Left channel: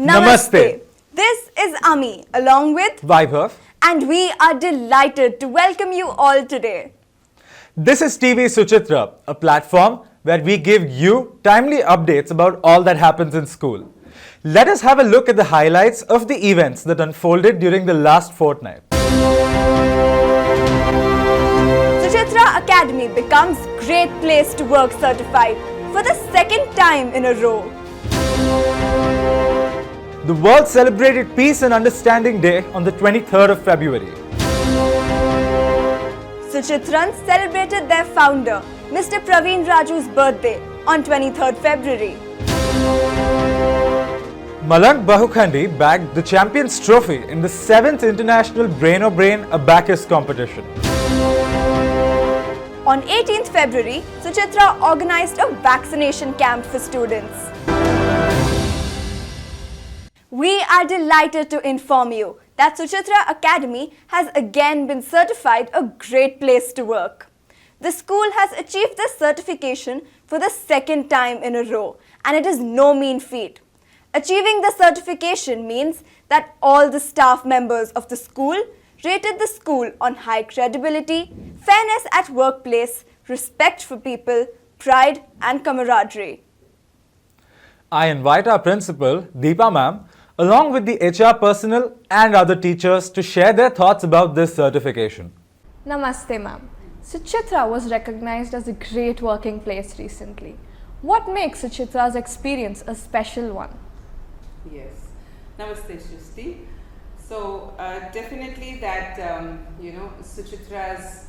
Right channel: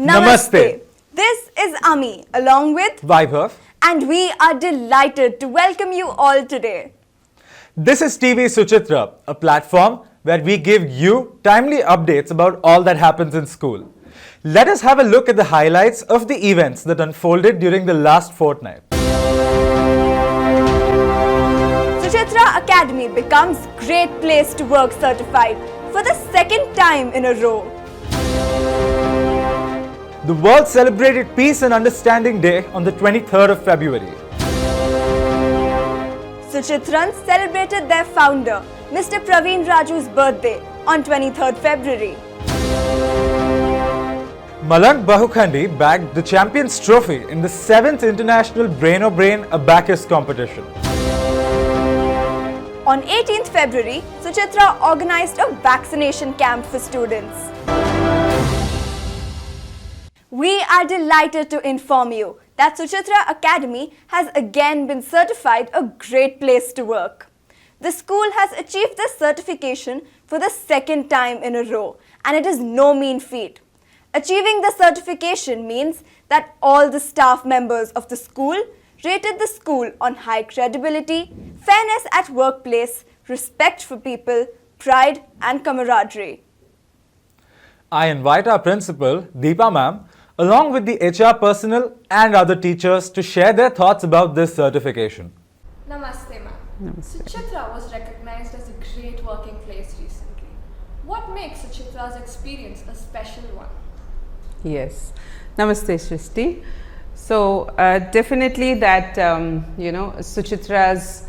Namaste. This is Ami along with Vaibhav. and we are delighted to welcome you all today. This is TV Suchitra, a platform where we give you timely updates about all that happens in school. Let us have a look at the highlights of the events that unfolded during the last fortnight. Suchitra Academy becomes Great Place to Work certified for the second time in a row. The world celebrated Peace and Understanding Day on the 23rd of February. Suchitrans celebrated their founder, Mr. Praveen Raju's birthday on 23rd February. Malank Bahukhandi bagged the Champions Trophy in the 7th International Brain or Brain Abacus competition. On 18th February, Suchitra organized a vaccination camp for students. We are delighted to inform you that Suchitra Academy has again been certified a great place to work. The school has achieved this certification for the second time in a row, and it is no mean feat. Achieving the certification means that all the staff members of the school rated the school on high credibility, fairness at workplace, respect for people, pride and camaraderie. I invite our principal, Deepa ma'am, along with the HR personnel and other teachers to share their thoughts about this certification. Namaste, ma'am. Suchitra was recognized as a great working place recently. What makes Suchitra's experience a special one? Yes. Namaste, Shrishti. So, definitely that, Suchitra's,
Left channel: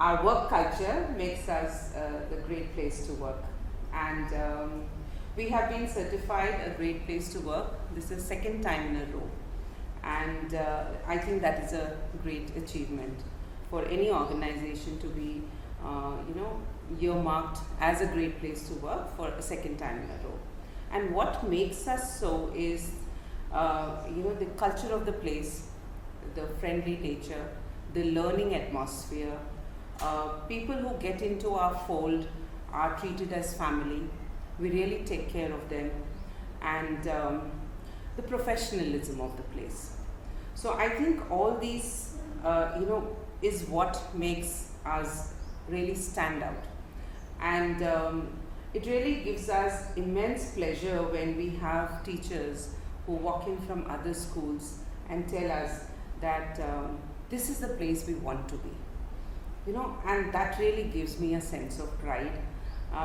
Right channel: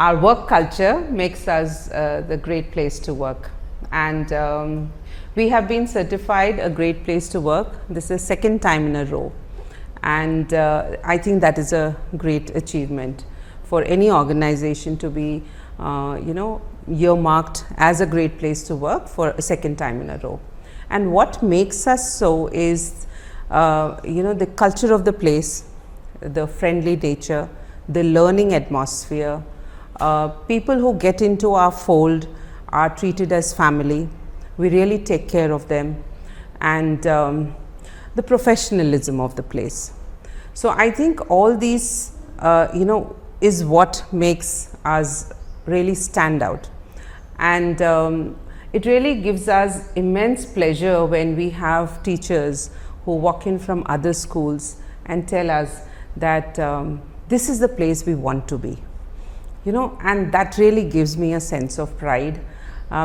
our work culture makes us the great place to work. And we have been certified a great place to work. This is the second time in a row. And I think that is a great achievement for any organization to be, earmarked as a great place to work for a second time in a row. And what makes us so is, the culture of the place, the friendly nature, the learning atmosphere, people who get into our fold are treated as family. We really take care of them, and the professionalism of the place. So I think all these, is what makes us really stand out. And it really gives us immense pleasure when we have teachers who walk in from other schools and tell us that this is the place we want to be. And that really gives me a sense of pride.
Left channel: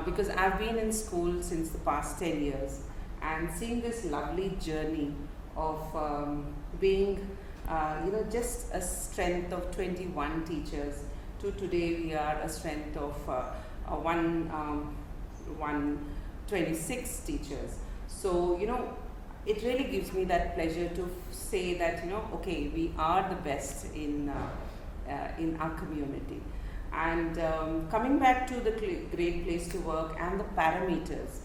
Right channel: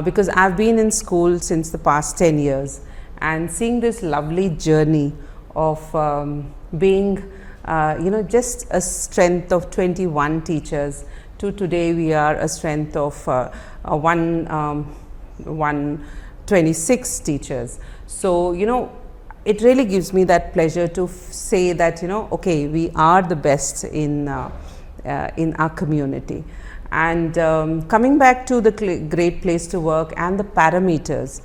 Because I've been in school since the past 10 years, and seeing this lovely journey of being, just a strength of 21 teachers to today we are a strength of 126 teachers. So, it really gives me that pleasure to say that, okay, we are the best in our community. And coming back to the great place to work and the parameters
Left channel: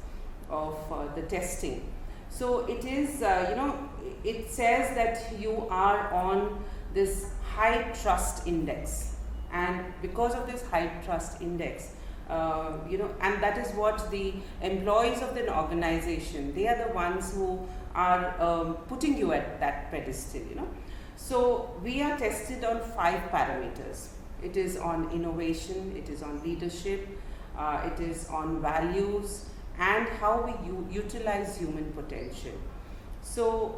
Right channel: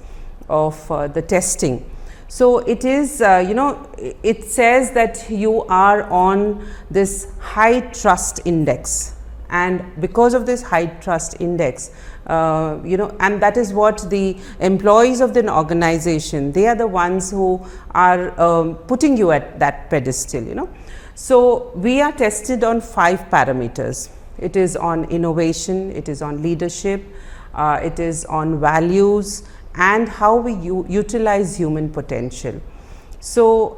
of the testing. So it is, it says that you are on this high trust index, and because of this high trust index, and that is what the employees of the organization, they are the ones who are putting you at that pedestal, So we are tested on 5 parameters. It is on innovation, it is on leadership, it is on values, and how we utilize human potential. So,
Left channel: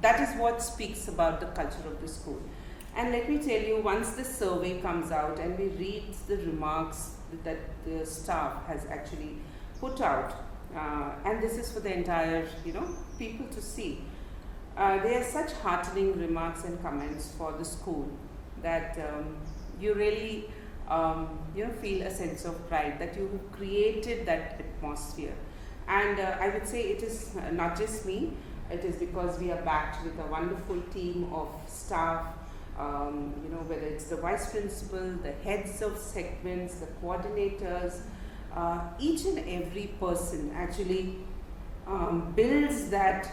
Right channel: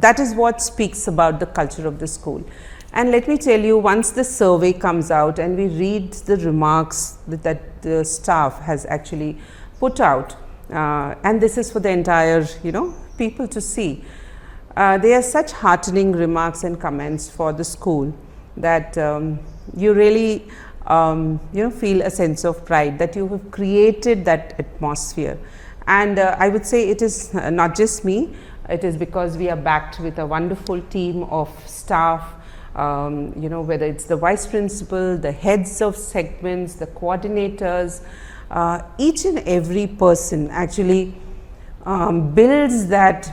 that is what speaks about the culture of the school. And let me tell you, once the survey comes out and we read the remarks that the staff has actually put out, and this is for the entire, people to see, they are such heartening remarks and comments for the school that you really feel a sense of pride that you have created that atmosphere. And I would say it is not just me, it is because we are backed with a wonderful team of staff, whether it's the vice principal, the heads of segments, the coordinators, each and every person actually builds that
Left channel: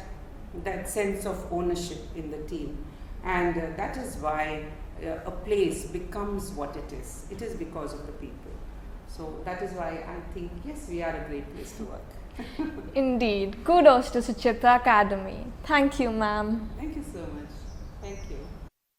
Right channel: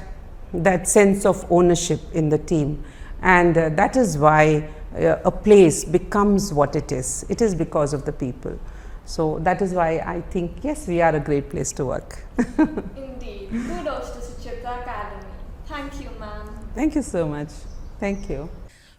sense of ownership in the team. And that is why a place becomes what it is. It is because of the people. So that is why I think, yes, we are a great place to work. Indeed. Kudos to Suchitra Academy. Thank you, ma'am. Thank you so much. Thank you.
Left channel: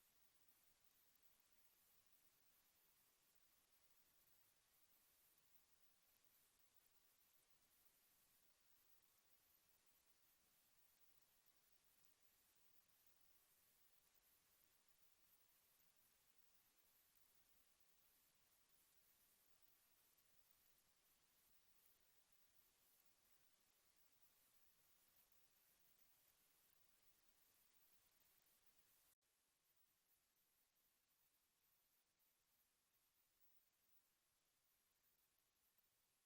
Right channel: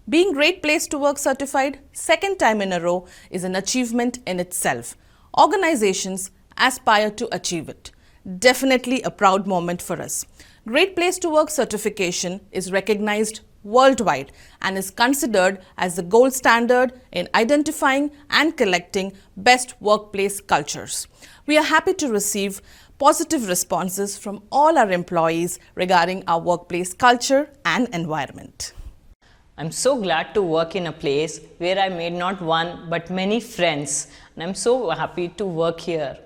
Being Great Place to Work certified second time in a row is an achievement in itself. Organizations aspire to achieve it. Definitely a proud moment for us. Great Place to Work certification is recognized worldwide and is considered as the gold standard in identifying and collecting best workplace cultures. We are happy to receive positive responses from all our employees regarding our workplace culture and environment. I'm so glad to work in a place where I made not one but many friends, and I'm so happy to work here.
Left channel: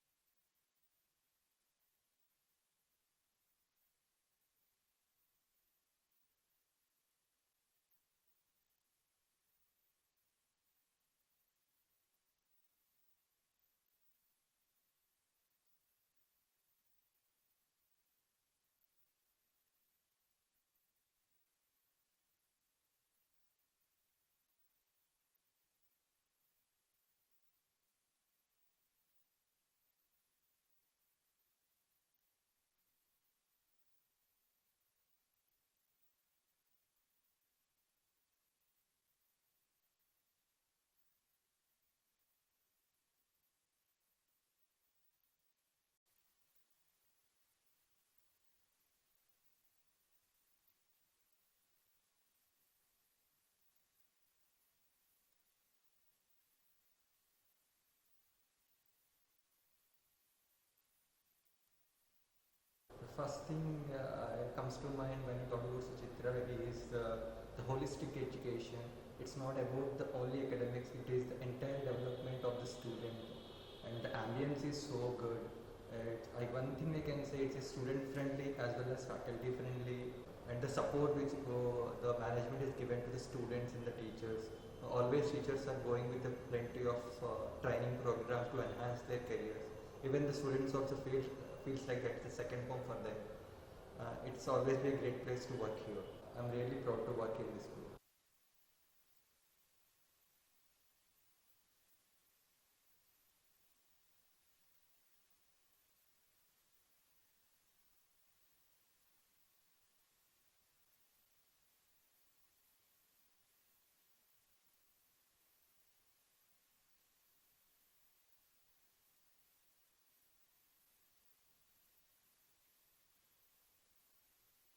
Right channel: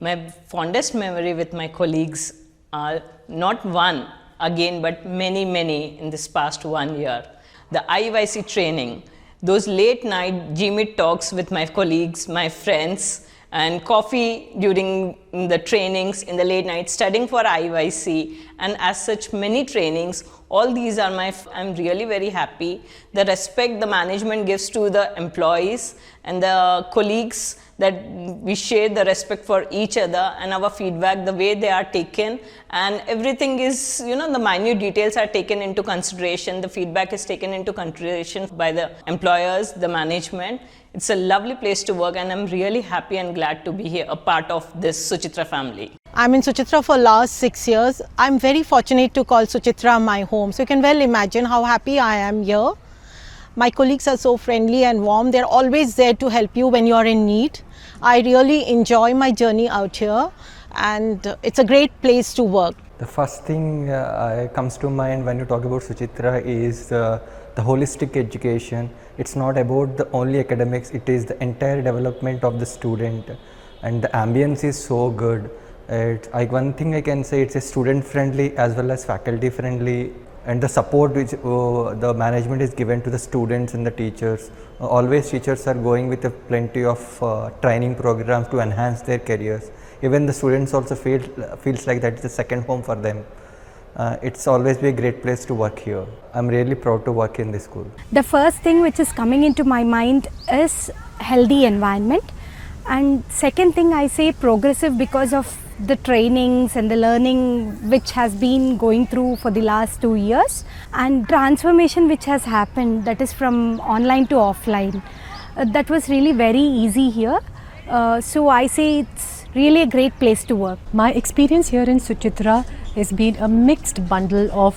My fondest memory with my colleagues are not one again but many in this past 1 year. The IYC training, those late night GMIT talks with my colleagues, my friends, and coffee during the trainings in the late night, studying for IYC, and as such many trainings. All these are I'm really very happy. The respect the management gives to the employees and the colleagues, that we share the respect for each other, and our feedback, the way they are taken, and everything is, the minute details are taken into consideration. The feedback is taken into consideration by the employers, the management. It's a lovely place to work, and I'm really happy and glad to be here, a part of this Suchitra family. I'm in Suchitra for last 6 years. I'm very fortunate to call Suchitra my home. So you can well imagine how happy I am here. My colleagues are so friendly and warm. They're always there to help you when you're in need. I really enjoy my journey out here, and it's a great place to work. The first thing comes to mind when you talk about Suchitra is the holistic education. It's not about the only academics, it is the entire development of the student, and the ambience is so good. One thing I can say, it's a student friendly as well as faculty friendly, and the support which the management is given to the students and the teachers. Always teachers are going with a plenty of training programs to enhance their careers. Even the students also feels like that is a second home for them. It's always be a great place to work here. I'm really proud to work in this school. The first thing which is coming into my mind is healthy environment, and second thing I say progressive, because of the trainings and the learning which has been going through for the last 2 years, and transformation which has happened, that is from online to offline. That was really very easy here. So I say it's really a great place to work. My experience here in Suchitra has been a mixed bundle of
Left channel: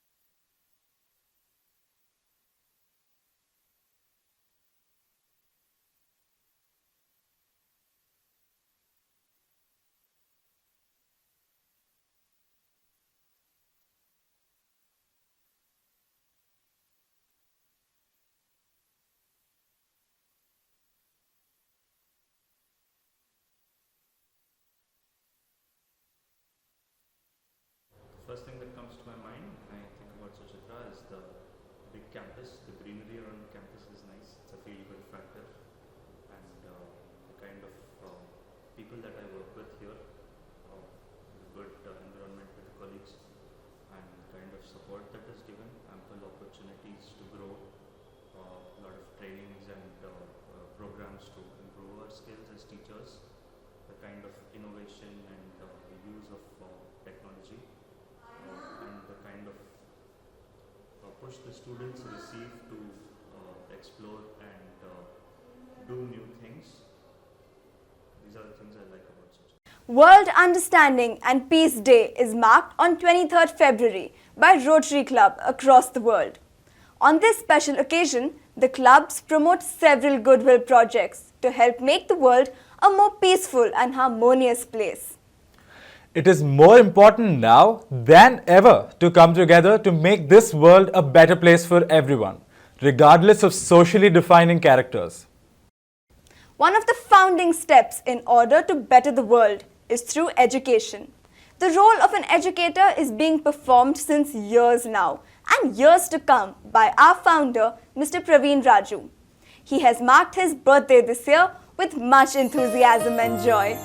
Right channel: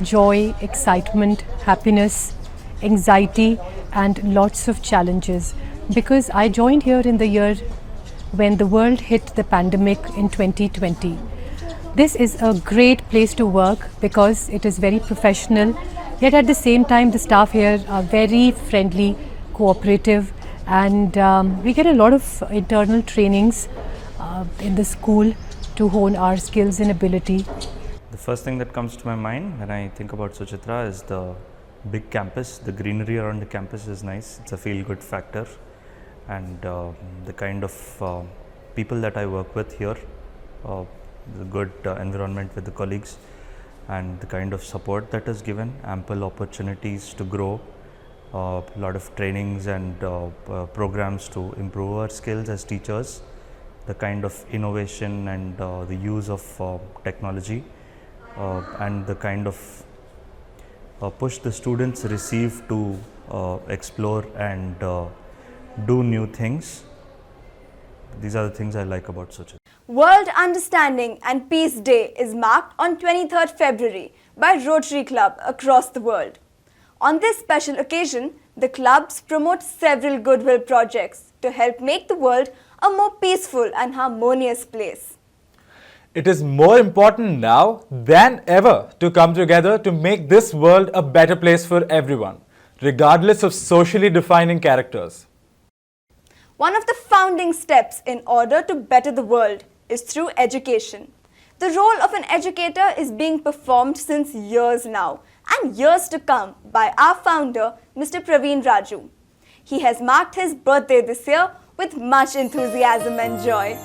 joy, excitement, happiness, anxiety, and lots of challenges, because I joined here in the year when the world hit the pandemic in 2020. This is a great place to work because it is very professional, yet at the same time the staff here are very friendly, cooperative, and we get a lot of internal trainings in the school to hone our skills and ability. The first thing that comes to my mind when I think about Suchitra is the big campus. The greenery around the campus is nice. It's a feel-good factor, and the kind of people that I work with here, the good environment with the colleagues, and the kind of support that is given, ample opportunities to grow, a lot of trainings and programs to improve our skills as teachers, the kind of innovation and the use of technology, and the kind of push the students receive to explore and do new things. These are the things I like about Suchitra. World Understanding and Peace Day is marked on 23rd February by Rotary Club across the world. On this special occasion, the clubs promote several goodwill projects to help make the world a more peaceful and harmonious place. It is more important now than ever to come together to make this world a better place for everyone, regardless of socially defining characters. One of the founding steps in order to better the world is through education. The role of an educator is being performed since years now and years to come by our founder, Mr. Praveen Raju. He has marked his birthday this year with much enthusiasm and joy.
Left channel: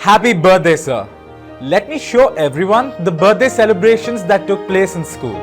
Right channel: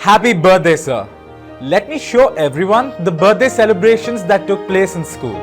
Happy birthday, sir! Let me show everyone the birthday celebrations that took place in school.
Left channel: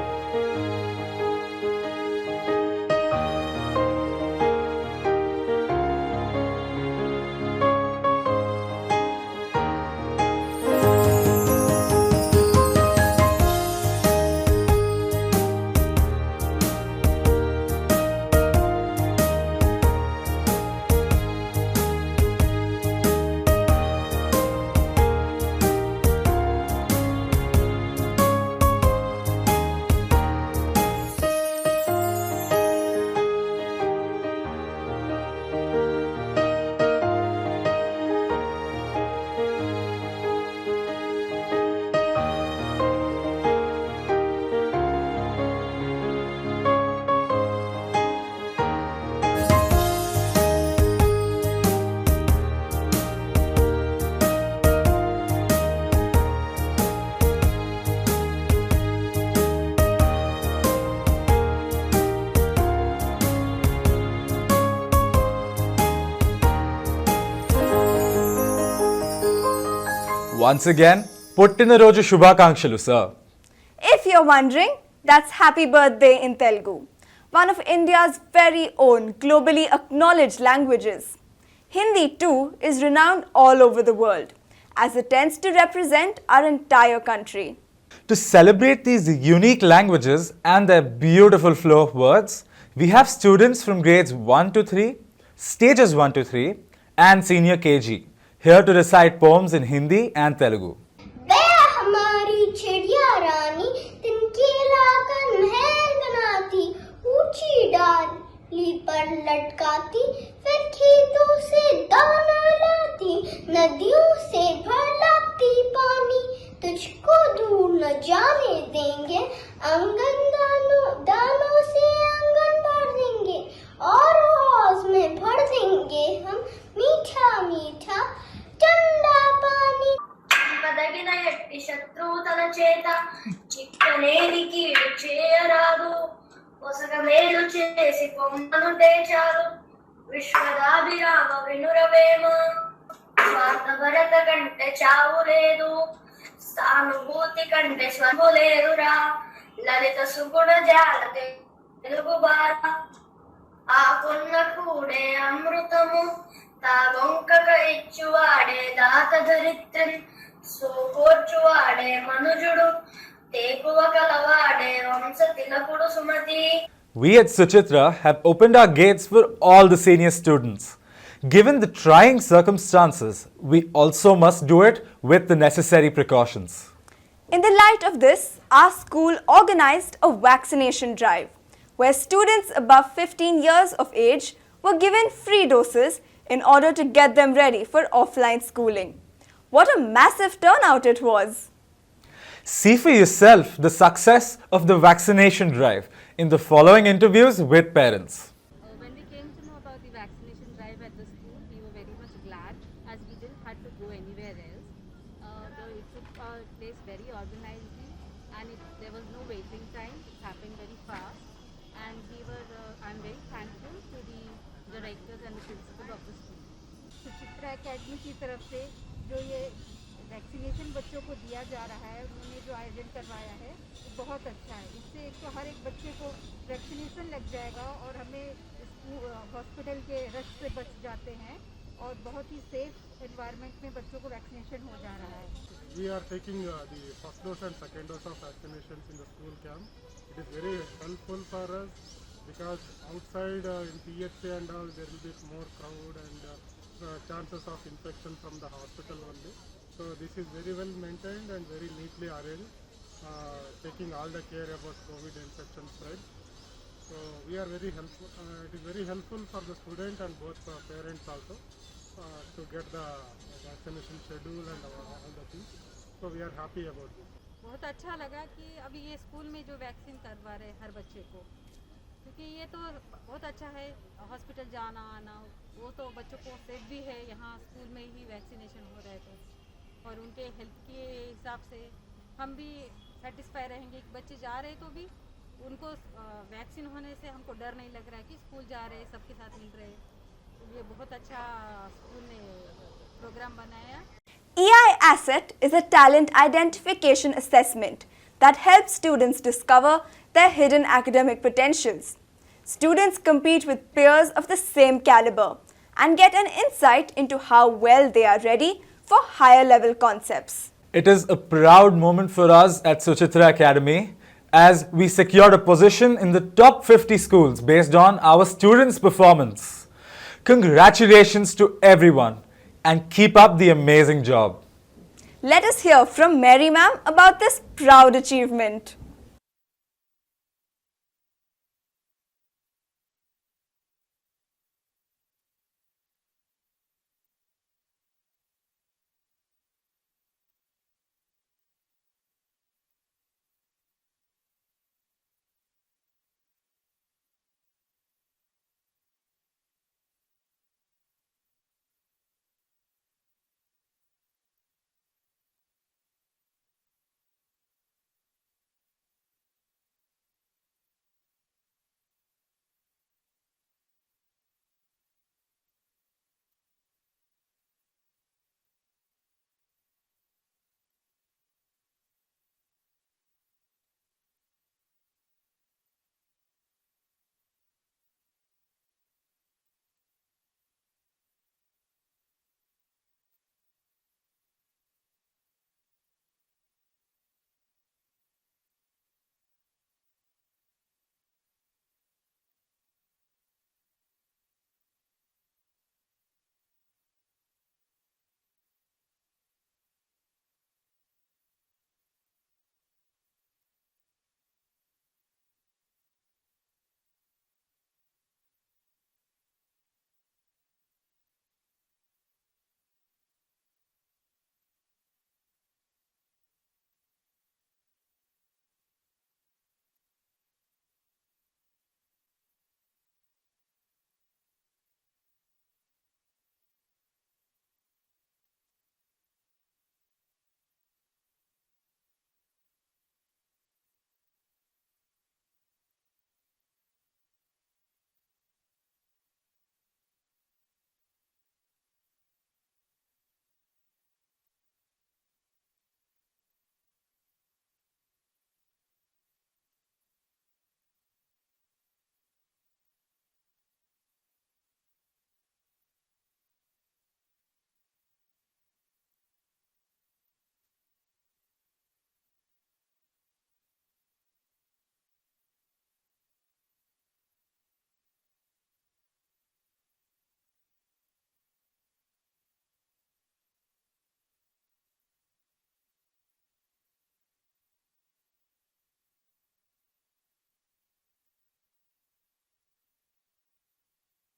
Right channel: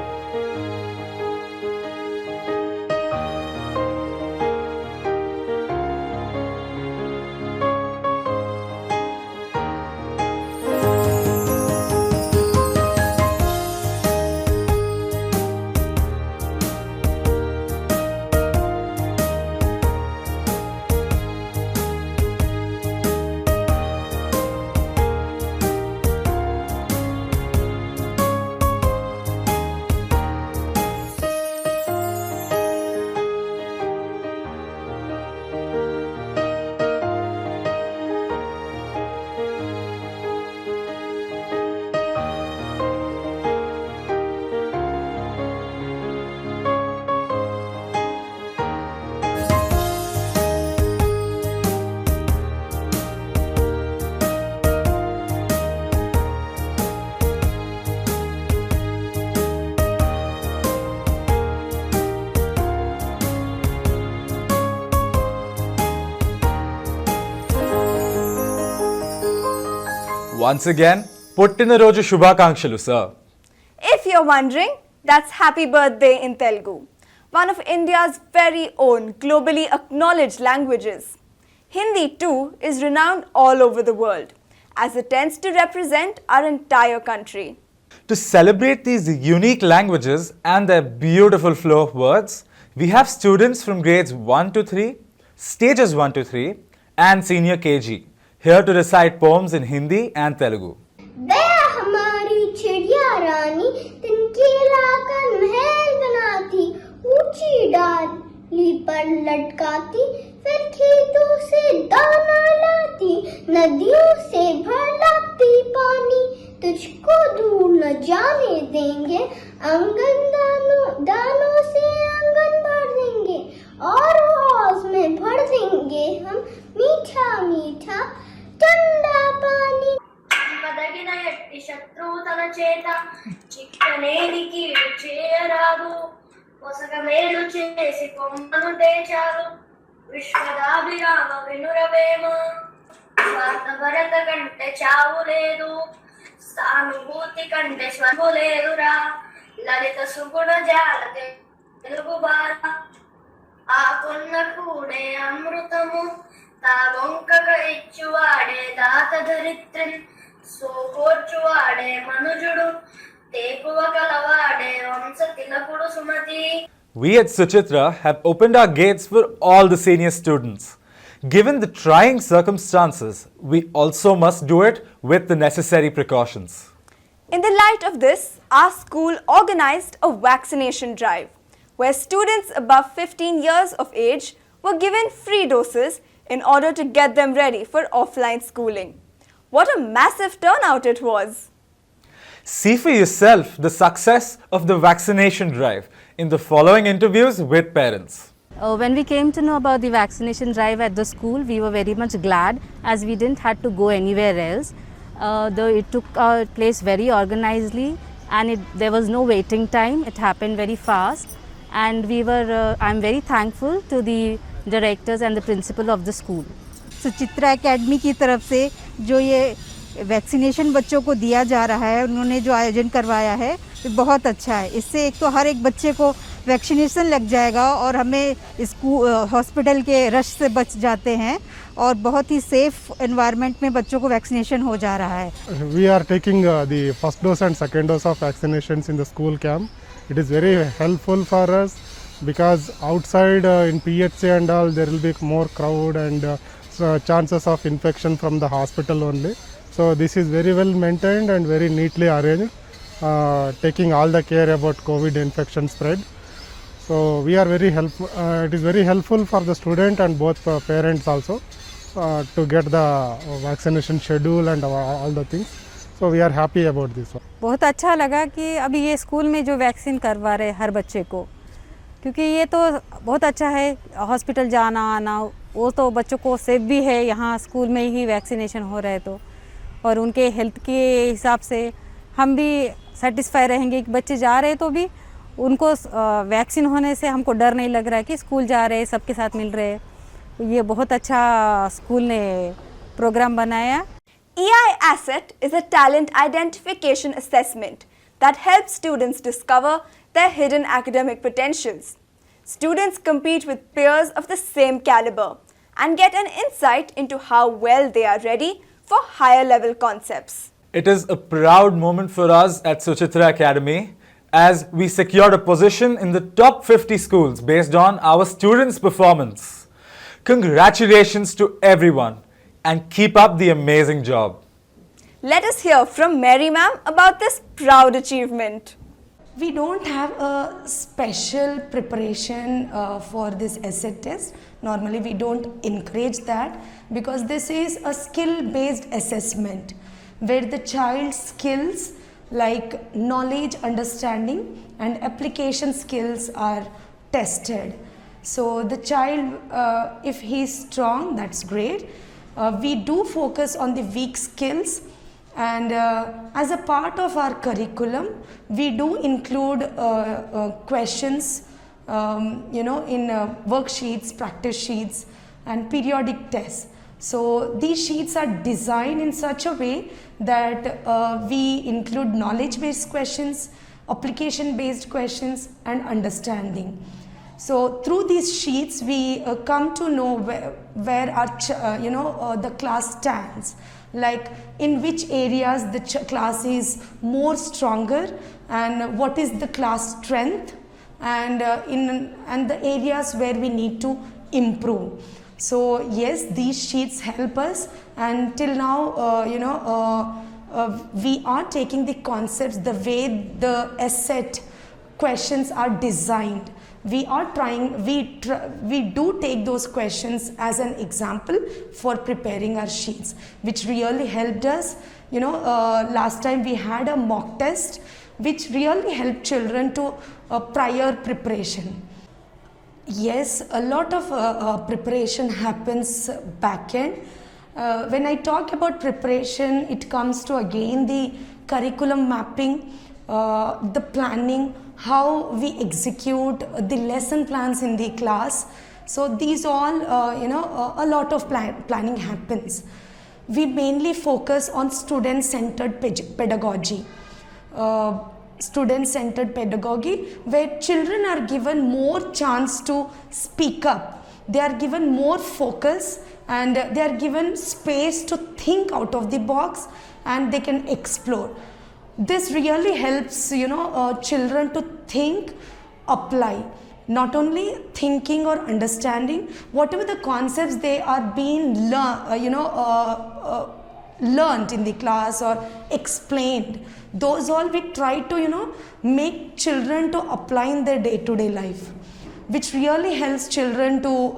Once again, Puttinarojju Shubhakangshalu, sir. If you're wondering, that's happy birthday in Telugu, one of India's very own globally acknowledged languages. Hindi too is renowned all over the world, as it tends to represent our entire country. To celebrate these unique languages and their beautiful flow of words, we have students from grades 1 to 3, stages 1 to 3 and senior KG here to recite poems in Hindi and Telugu. पर लटकाती फिर खेतों से दाना लाती नदियों से भर लाती पानी तुझको दूर न जाने देंगे आंगन दानों से आंगन भर देंगे और हौज में भर देंगे हम मीठा मीठा ठंडा पानी పదగిన ఎట్టి శత్రువు తన చేత చిక్కలేని కీడు చేయరాదు పొసగ మేలు చేసి కొమ్మను తెచారు విశ్వదాభిరామ వినురవేమ స్వార్థ భరత కంటే చావు లేదు సానుభూతి కంటే స్వర్గం లేదురా లలిత సుగుణ జాల తెలుగు బాల ఆకున్న కూడే అమృతము తా వంకక ఇచ్చువాడే దాత ధరిత్రి సోకోర్చువాడే మనుజుడు తేకువ కలవాడే వంశ తిలకుడు Sumathi. We at Suchitra have opened our gates for all the senior students. Given the trying circumstances, we also must do it with the necessary precautions. In the light of this, our school organized a vaccination drive, where students above 15 years of age were given free doses in order to get them ready for offline schooling. What a massive turnout it was! See for yourself the success of the vaccination drive in the following interviews with parents. When we came to know about the vaccination drive at the school, we were very much glad as we didn't have to go anywhere else. Though it took place very organizedly and there was no waiting time, it happened very fast. And I'm very thankful to the directors and the principal of the school. Suchitra academy की तरफ से जो ये vaccination बच्चों को दिया जा रहा है, उन्होंने जो आयोजन करवाया है ये बहुत अच्छा है. इससे एक तो हर एक बच्चे को वैक्सीनेशन लग जाएगा और हमें स्कूल हॉस्पिटल के रश से बच जाते हैं और बहुत ही सेफ एनवायरनमेंट में बच्चों को वैक्सीनेशन हो जा रहा है. We are taking the first dose and second dose of vaccinations in the school camp. It is very helpful for us because outside in PHC and all there will be more crowd and chances of infection from the hospital only. So this is very well maintained and very neatly arranged, taking all the care about COVID infection spread. So we are very helpful. It is very helpful for the student and both parents also to get the vaccination schedule and all the things. So we are happy about this. बहुत अच्छा लगा कि अभी ये school में जो vaccine करवा रहे हर बच्चे को, क्योंकि ये तो बहुत अच्छा है. हॉस्पिटल जाना आना वो तो बच्चों को सेफ भी है, यहाँ स्कूल में ही वैक्सीनेशन हो रहा है तो, और उनके हेल्थ के हिसाब से हम भी सेटिस्फाई रहेंगे कि बच्चे जा रहे तो भी उनको वैक्सीन होने से हमको डर नहीं लग रहा है कि स्कूल जा रहे हैं सबके साथ मिल रहे हैं. ये बहुत अच्छा स्कूल ने प्रोग्राम बनाया. EI Asset is a talent identification assessment that helps students discover their hidden academic potentials. Students compete with peers of the same caliber and get an insight into how well they are ready for higher level concepts. It is a proud moment for us at Suchitra Academy as we secured a position in the top 50 schools based on our students' performance. Congratulations to everyone and keep up the amazing job. Let us hear from Mary ma'am about this proud achievement. We don't have a special preparation for this essay test. Normally we don't encourage that because this is a skill-based assessment where the child's skills like knowledge, understanding and application skills are tested. So the child, if he is strong, that's great. We do focus on the weak skills, and as a part of our curriculum, we do include questions, in worksheets, practice sheets and periodic tests. So these sheets are designed in such a way that we include knowledge-based questions, application-based questions, and understanding. So through these sheets, we come to know where our the class stands, like in which areas the class is more stronger, and what is the class strength, and the areas where we need to improve. So yes, these sheets help us, and till now we are taking the concepts the way the ESSET questions are designed. We are trying, we do take those questions as an example for preparing our sheets, which really helped us. Last time we had a mock test which really helped children to prior preparation. Yes, a lot of preparation happens back end. When I talk about preparation, it comes to again the curriculum mapping, the planning, how we execute the lesson plans in the class. So these all, a lot of planning happens. We mainly focus on student-centered pedagogy. Student-centered pedagogy, where children are given more chance to speak up. They are given more focus, and they are given space to think out of the box, and they can explore. This really helps children to think, apply. Not only thinking or understanding, whatever the concepts they are being learned in the class or explained, those all we try to make children to apply in their day-to-day life, which really helps children to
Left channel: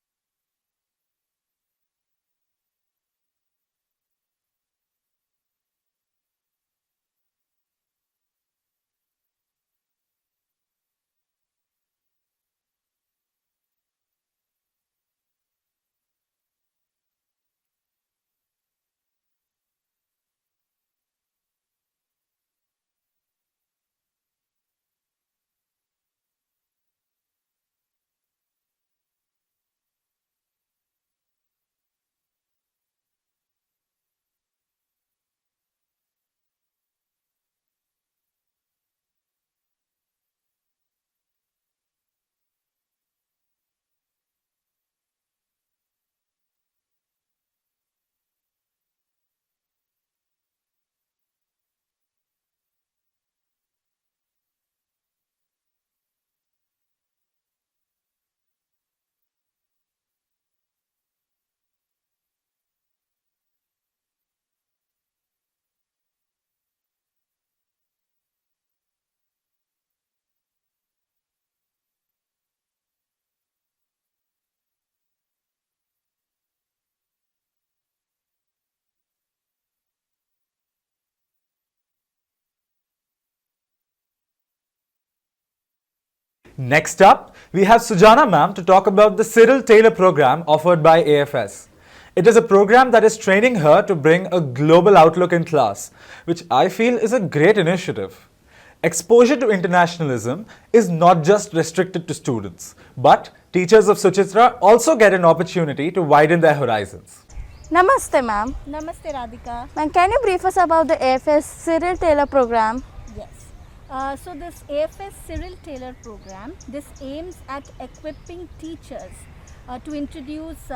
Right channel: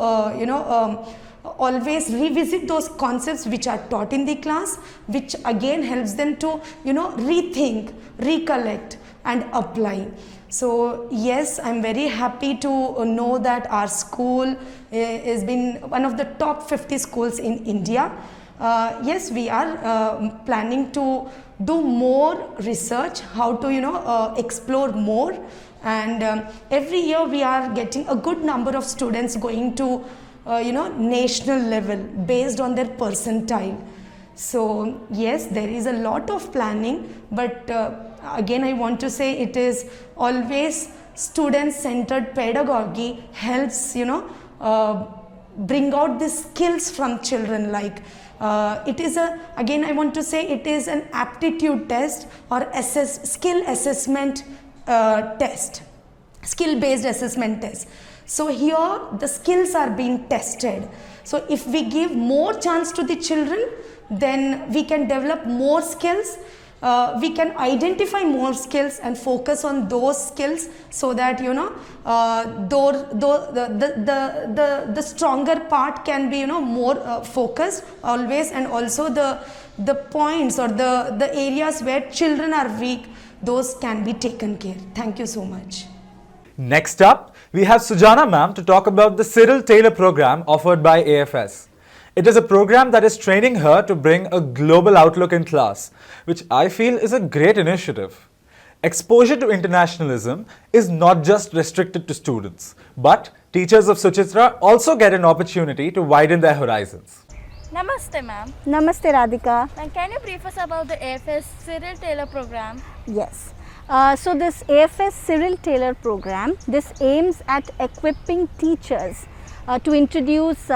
always revisit those concepts which are taught in the class, which again helps them to rethink, recollect, and apply. So yes, I'm very happy to know that our school has been one of the top 50 schools in India. Yes, we are planning to do more research, how to explore more, and every year we are getting a good number of students going to national level based on their percentile. So yes, there is a lot of planning, but again I want to say it is always student-centered pedagogy helps bring out the skills from children. Like it is again I want to say it is an aptitude test or skill assessment test, skill-based assessment test. So here the skills are being tested. So if we give more chance to the children, then we can develop more skills. We can identify more skills and focus on those skills, so that the stronger part can be more focused always, and also the points or the areas where children are weak, those can be taken care. Thank you so much. Next up, we have Sujana ma'am to talk about the Cyril Taylor program offered by AFS. It is a program that is training her to bring a global outlook in class, which I feel is a great initiative. Exposure to internationalism is not just restricted to students, but teachers of Suchitra also get an opportunity to widen their horizons. Namaste ma'am. Namaste Radhika. Ma'am, can you brief us about the AFS Cyril Taylor program? Yes. So this AFS Cyril Taylor program, this aims at equipping teachers to introduce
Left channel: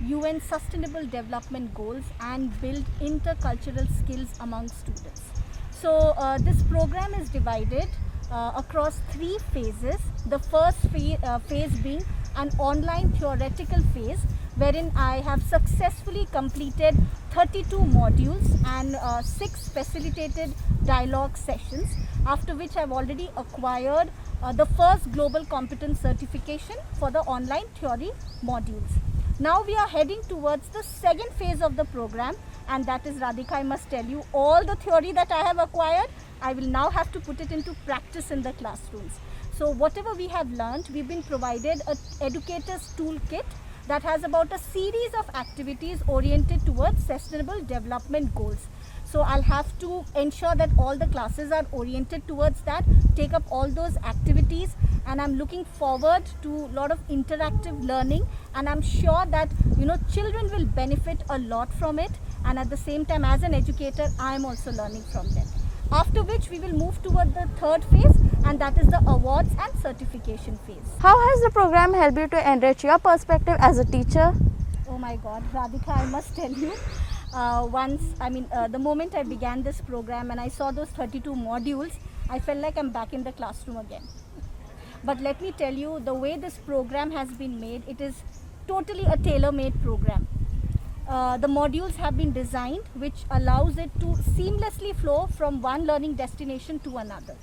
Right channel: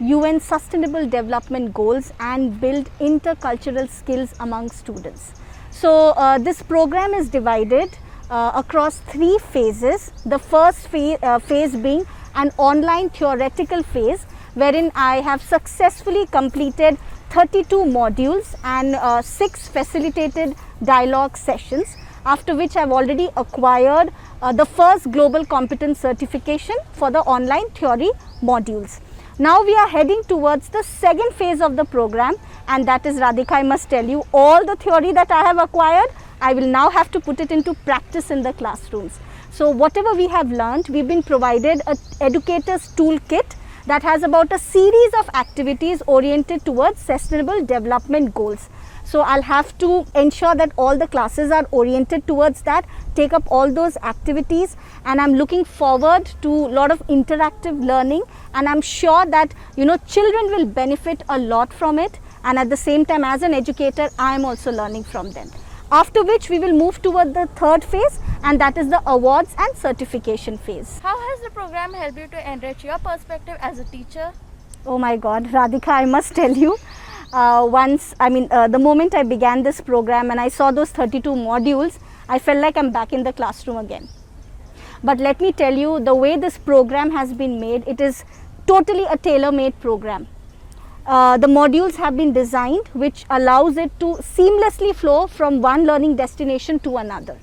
UN Sustainable Development Goals and build intercultural skills among students. So this program is divided across 3 phases. The first phase being an online theoretical phase, wherein I have successfully completed 32 modules and 6 facilitated dialogue sessions, after which I have already acquired the first global competence certification for the online theory modules. Now we are heading towards the second phase of the program, and that is, Radhika, I must tell you, all the theory that I have acquired, I will now have to put it into practice in the classrooms. So whatever we have learned, we've been provided an educator's toolkit that has about a series of activities oriented towards sustainable development goals. So I'll have to ensure that all the classes are oriented towards that, take up all those activities, and I'm looking forward to a lot of interactive learning, and I'm sure that children will benefit a lot from it, and at the same time as an educator I am also learning from them. After which we will move toward the third phase, and that is the awards and certification phase. How has the program helped you to enrich your perspective as a teacher? Oh my God, Radhika, I must tell you, the moment I began this program and I saw those 32 modules, I felt like I'm back in the classroom again. But let me tell you, the way this program has been made, it is totally a tailor-made program. The modules have been designed which allows it to seamlessly flow from one learning destination to another.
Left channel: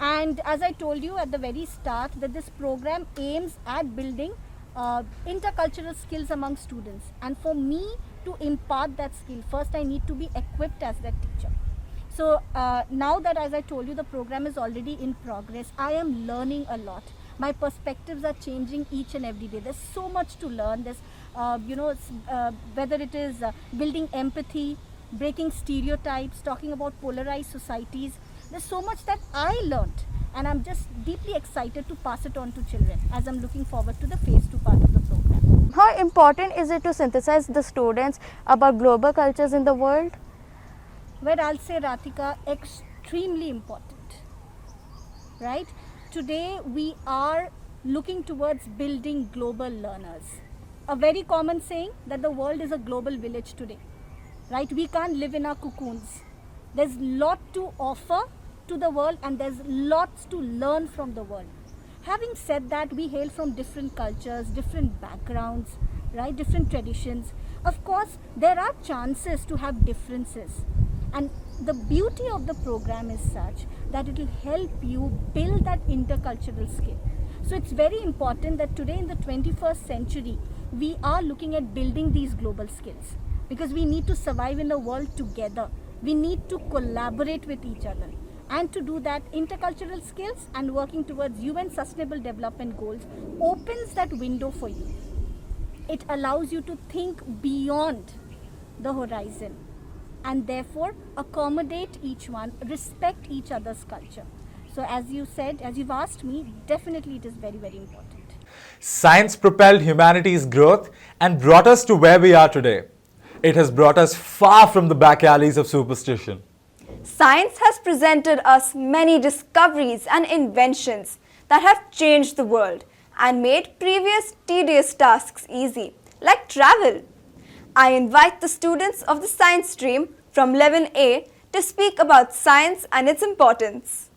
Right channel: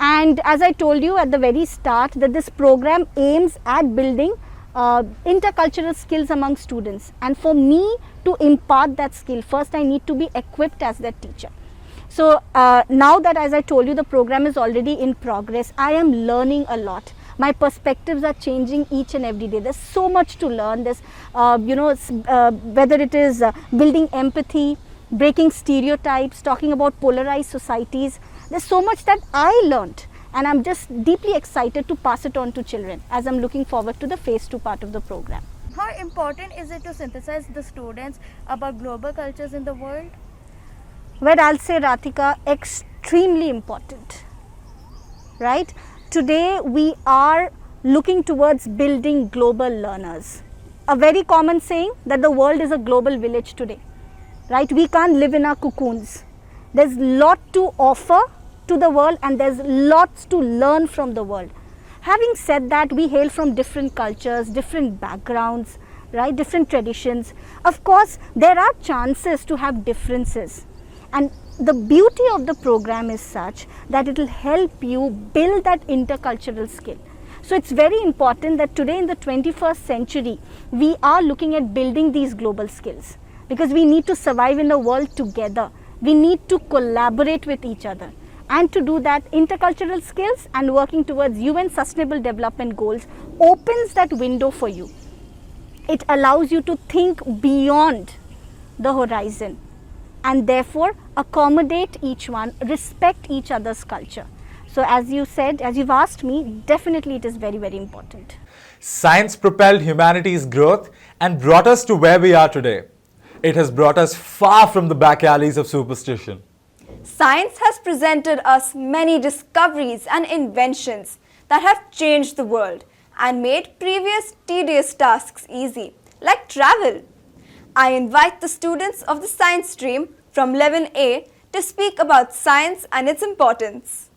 And as I told you at the very start, that this program aims at building intercultural skills among students, and for me to impart that skill, first I need to be equipped as that teacher. So now that, as I told you, the program is already in progress, I am learning a lot. My perspectives are changing each and every day. There's so much to learn. There's whether it is building empathy, breaking stereotypes, talking about polarized societies, there's so much that I learned, and I'm just deeply excited to pass it on to children as I'm looking forward to the phase 2 part of the program. How important is it to synthesize the students about global cultures in the world? Well, I'll say, Radhika, extremely important, right? Today we are looking towards building global learners. A very common saying that the world is a global village today, right? We can't live in our cocoons. There's a lot to offer to the world, and there's lots to learn from the world. Having said that, we hail from different cultures, different backgrounds, right? Different traditions. Of course, there are chances to have differences, and the beauty of the program is such that it will help you build that intercultural skill. So it's very important that today in the 21st century, we are looking at building these global skills, because we need to survive in the world together. We need to collaborate with each other. And to do that, intercultural skills and working towards UN Sustainable Development Goals opens that window for you. It allows you to think beyond the horizon, and therefore accommodate each one, respect each other's culture. So as you said, as you've asked me, definitely it is very, very important. Science propelled humanity's growth and brought us to where we are today. It has brought us far from the back alleys of superstition. Science has presented us many discoveries and inventions that have changed the world and made previous tedious tasks easy, like travel. I invite the students of the science stream from 11A to speak about science and its importance.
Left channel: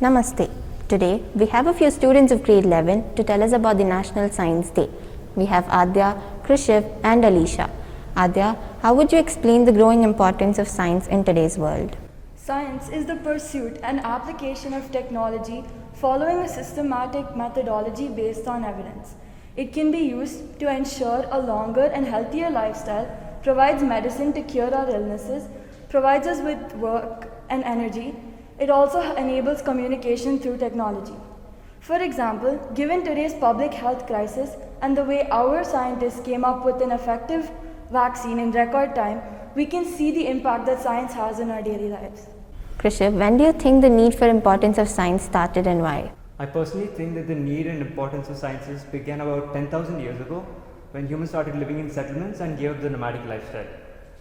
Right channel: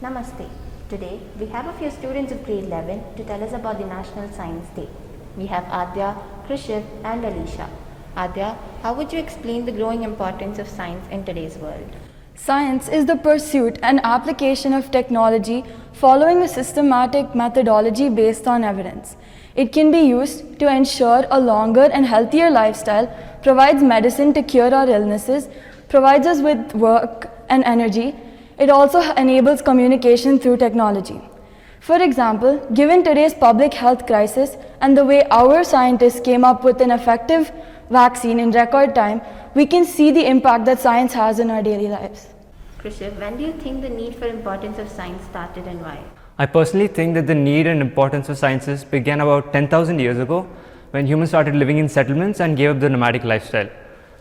Namaste. Today we have a few students of grade 11 to tell us about the National Science Day. We have Adya, Krishiv and Alisha. Adya, how would you explain the growing importance of science in today's world? Science is the pursuit and application of technology following a systematic methodology based on evidence. It can be used to ensure a longer and healthier lifestyle, provides medicine to cure our illnesses, provides us with work and energy. It also enables communication through technology. For example, given today's public health crisis and the way our scientists came up with an effective vaccine in record time, we can see the impact that science has in our daily lives. Krishiv, when do you think the need for importance of science started and why? I personally think that the need and importance of sciences began about 10,000 years ago when humans started living in settlements and gave up the nomadic lifestyle.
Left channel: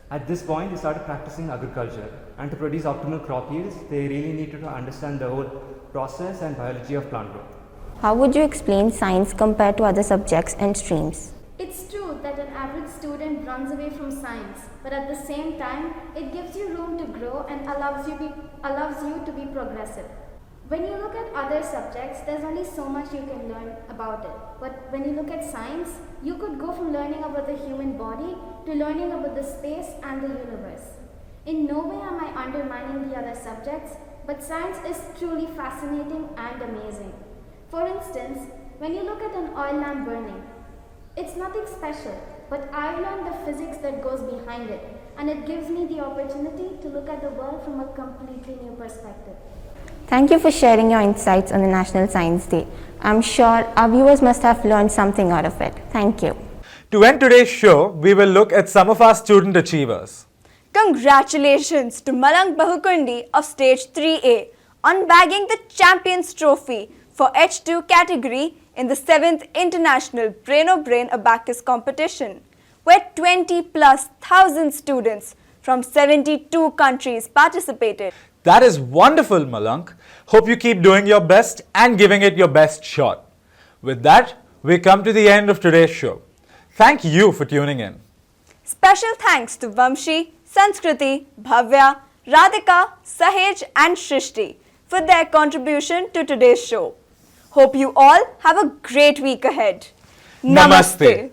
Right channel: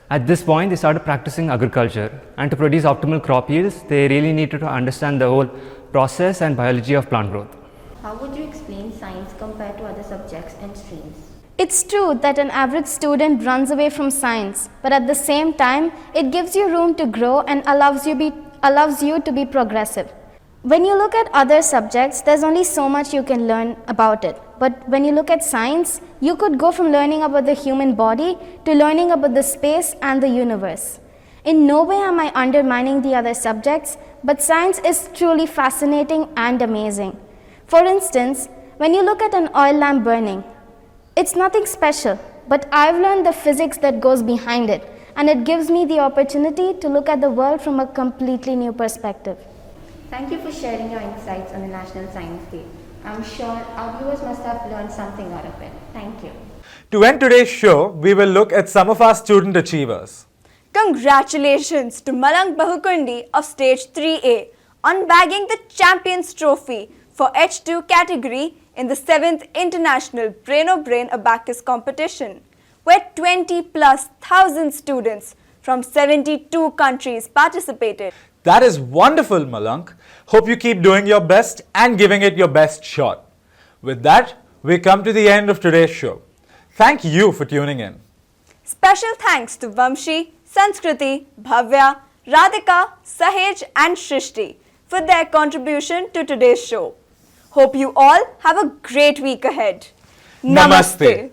At this point, they started practicing agriculture, and to produce optimal crop yields, they really needed to understand the whole process and biology of plant growth. How would you explain science compared to other subjects and streams? It's true that an average student runs away from science, but at the same time, it gives you room to grow and allows you to be progressive. When you look at other subjects, there's only so much you can learn about it. But when you look at science, you could go from learning about the human body to learning about the space and the universe. In no way am I undermining the other subjects, but science is truly fascinating and amazing. For instance, when you look at an oil lamp burning, it's nothing special, but I've learned the physics that goes behind it, and it gives me the opportunity to look at the world from a completely new perspective. Thank you for sharing your insights on the National Science Day. I'm sure our viewers must have learned something out of it. Thank you. To end today's show, we will look at some of our student achievers. Congratulations to Malang Bahukundi of Stage 3A on bagging the Champions Trophy for H2 category in the 7th International Brain Abacus competition, where 20,000+ students from 72 countries participated. That is wonderful, Malank. Hope you keep doing your best and giving it your best shot. With that, we come to the end of today's show. Thank you for tuning in. Special thanks to Vamshi, Sanskriti, Bhavya, Radhika, Sahej and Shrishti for their contribution to today's show. Hope you all have a great week ahead. Namaste.